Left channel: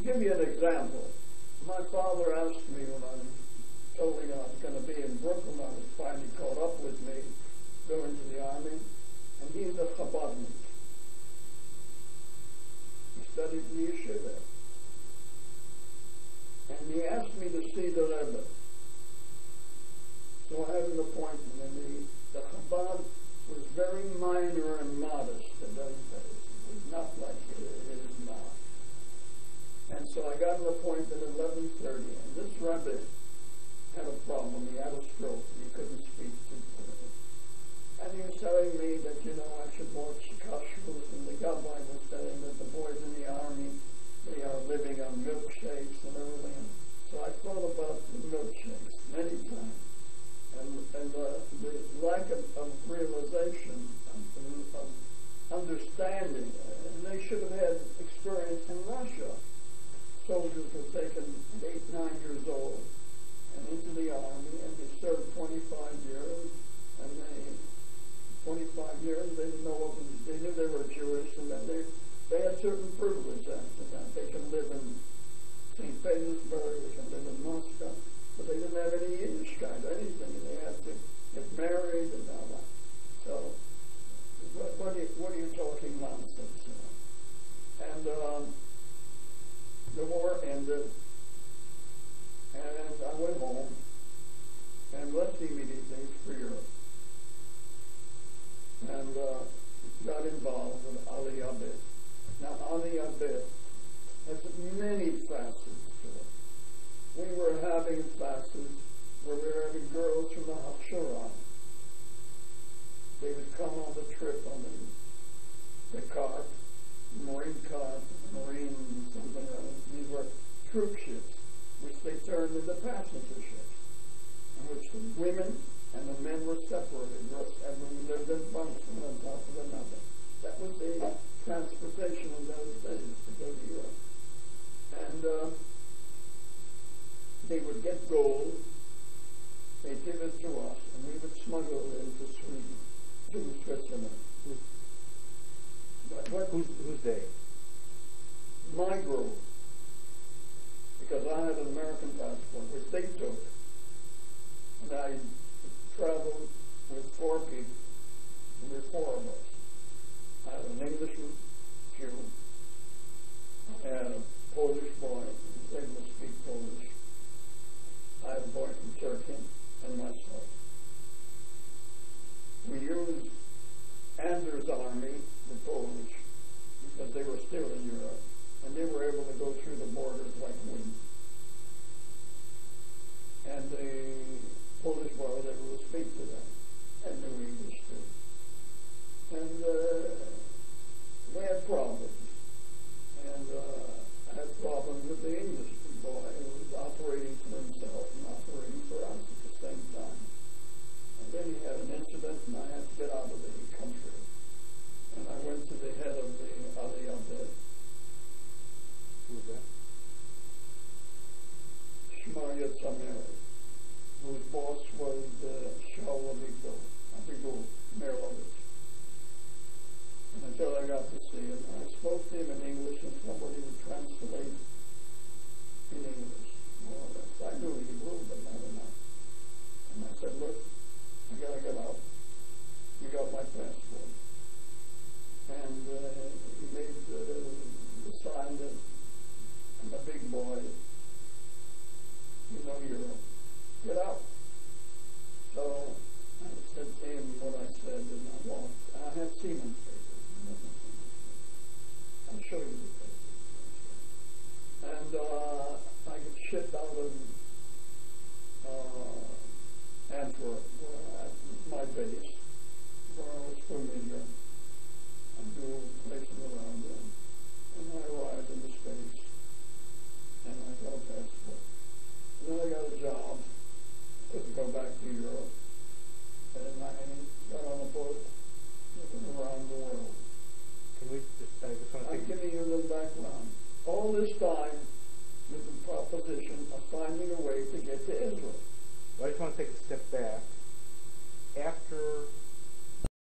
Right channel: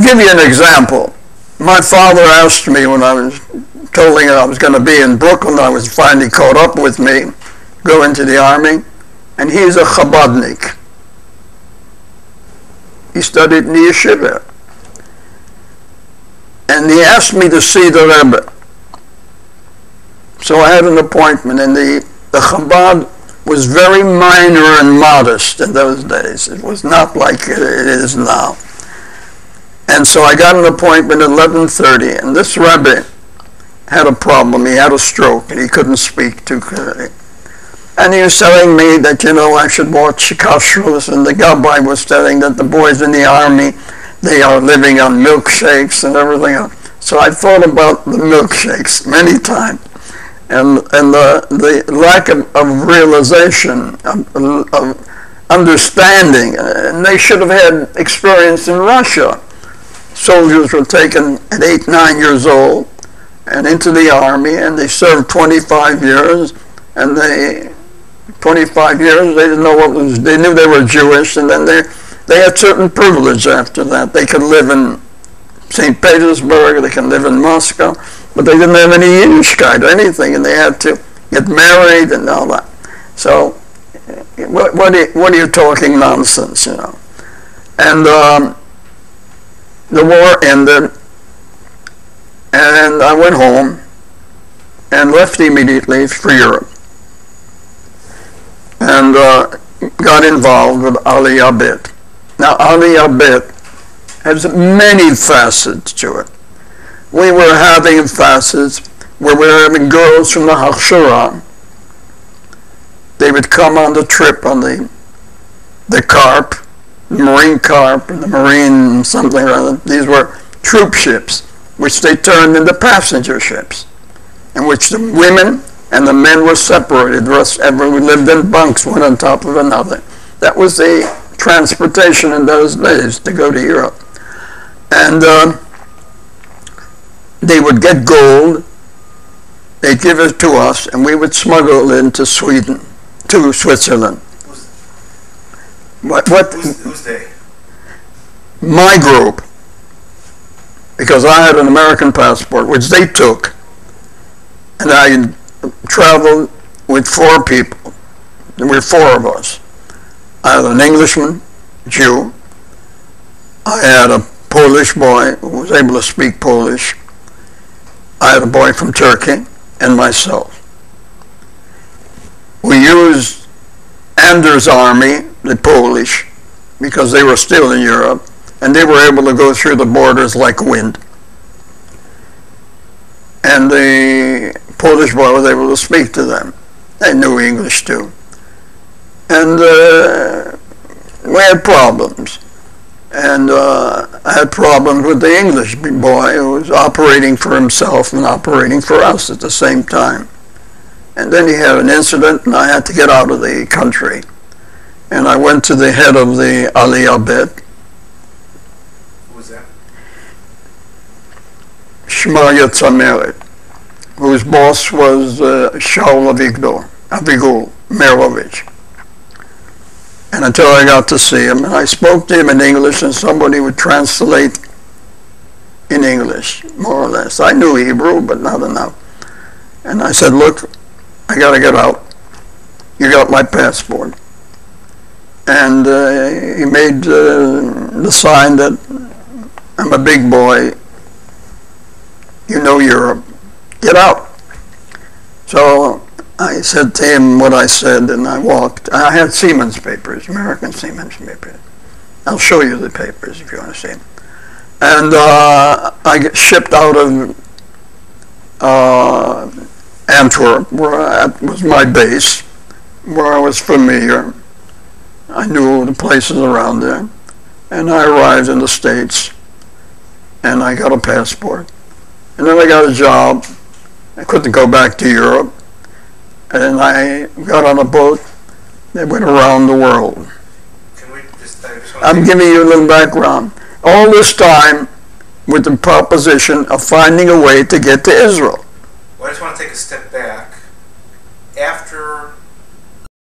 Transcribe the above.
give you an example. My father asked me when I was telling him I was going to be in Brooklyn, I was finally caught up with me, go into the army, and he's a Chabadnik. He studied in the yeshiva. And he asked me to see the Rebbe. So I had an appointment, and the Chabad was very minor and modest in those days. It was not like it is now. And so I got an appointment at 11:30, and this Rebbe had a problem. He had a stroke, and he couldn't speak too clearly. And he was telling me that, you know, I should watch kashrus, and the Gabbai was telling that the boys in the army, they are living on milkshakes and everything else. So I thought about the milkshakes many times, and the lack of realization, of understanding. And they should have had experience in Russia. Soldiers were taken at 8, 9 years old and into the army, and they served 25 years, and 25 years, they didn't know what was, they knew they were Jewish, and then they had certain privilege after that. They could live in St. Petersburg, they could live in Moscow, but they didn't have any Yiddishkeit or anything, and they had to get married and all that. So, what are you talking nonsense, you know? And the war ended, and I went home and left immediately for Europe, and got involved with Aliyah Bet. Now, Aliyah Bet has many facets to it. We were having facets where we were having girls from the Hachshara. They would come on the trip on the carp, the marine carp, and the marine something or other. These were troop ships, which they turned into passenger ships, in which the women and the men were separated. The rest, we lived in bunks, one on top of another. That was the transportation in those days to go to Europe. And they would get gold, they'd give it to us, and we would smuggle it into Sweden, to Switzerland. Who's they? My group, because I had an American passport, which they took, and I traveled with 4 people. There were 4 of us. I had an Englishman, Jew. I had a Polish boy who was able to speak Polish. I had a boy from Turkey, and myself. We used Anders' army, the Polish, because they were still in Europe, and they were able to go through the borders like wind. And the Polish boy was able to speak to them. They knew English too. And we had problems. And I had problems with the English boy who was operating for himself and operating for us at the same time. And then he had an incident, and I had to get out of the country. And I went to the head of the Aliyah Bet. Who was that? Shmaya Tzameret, whose boss was Shaul Avigul Merovich. And until I got to see him, and I spoke to him in English, and somebody would translate in English, more or less. I knew Hebrew, but not enough. And I said, look, I got to get out. You got my passport. And he made the sign that I'm a big boy, you know Europe, get out. So I said to him what I said, and I walked. I had Siemens papers, American Siemens papers. I'll show you the papers if you want to see them. And I get shipped out of Antwerp, where was my base, where I was familiar. I knew the places around there. And I arrived in the States, and I got a passport. And then I got a job. I couldn't go back to Europe. And I got on a boat that went around the world. I'm giving you a little background. All this time with the proposition of finding a way to get to Israel. Well, I just want to take a step back. After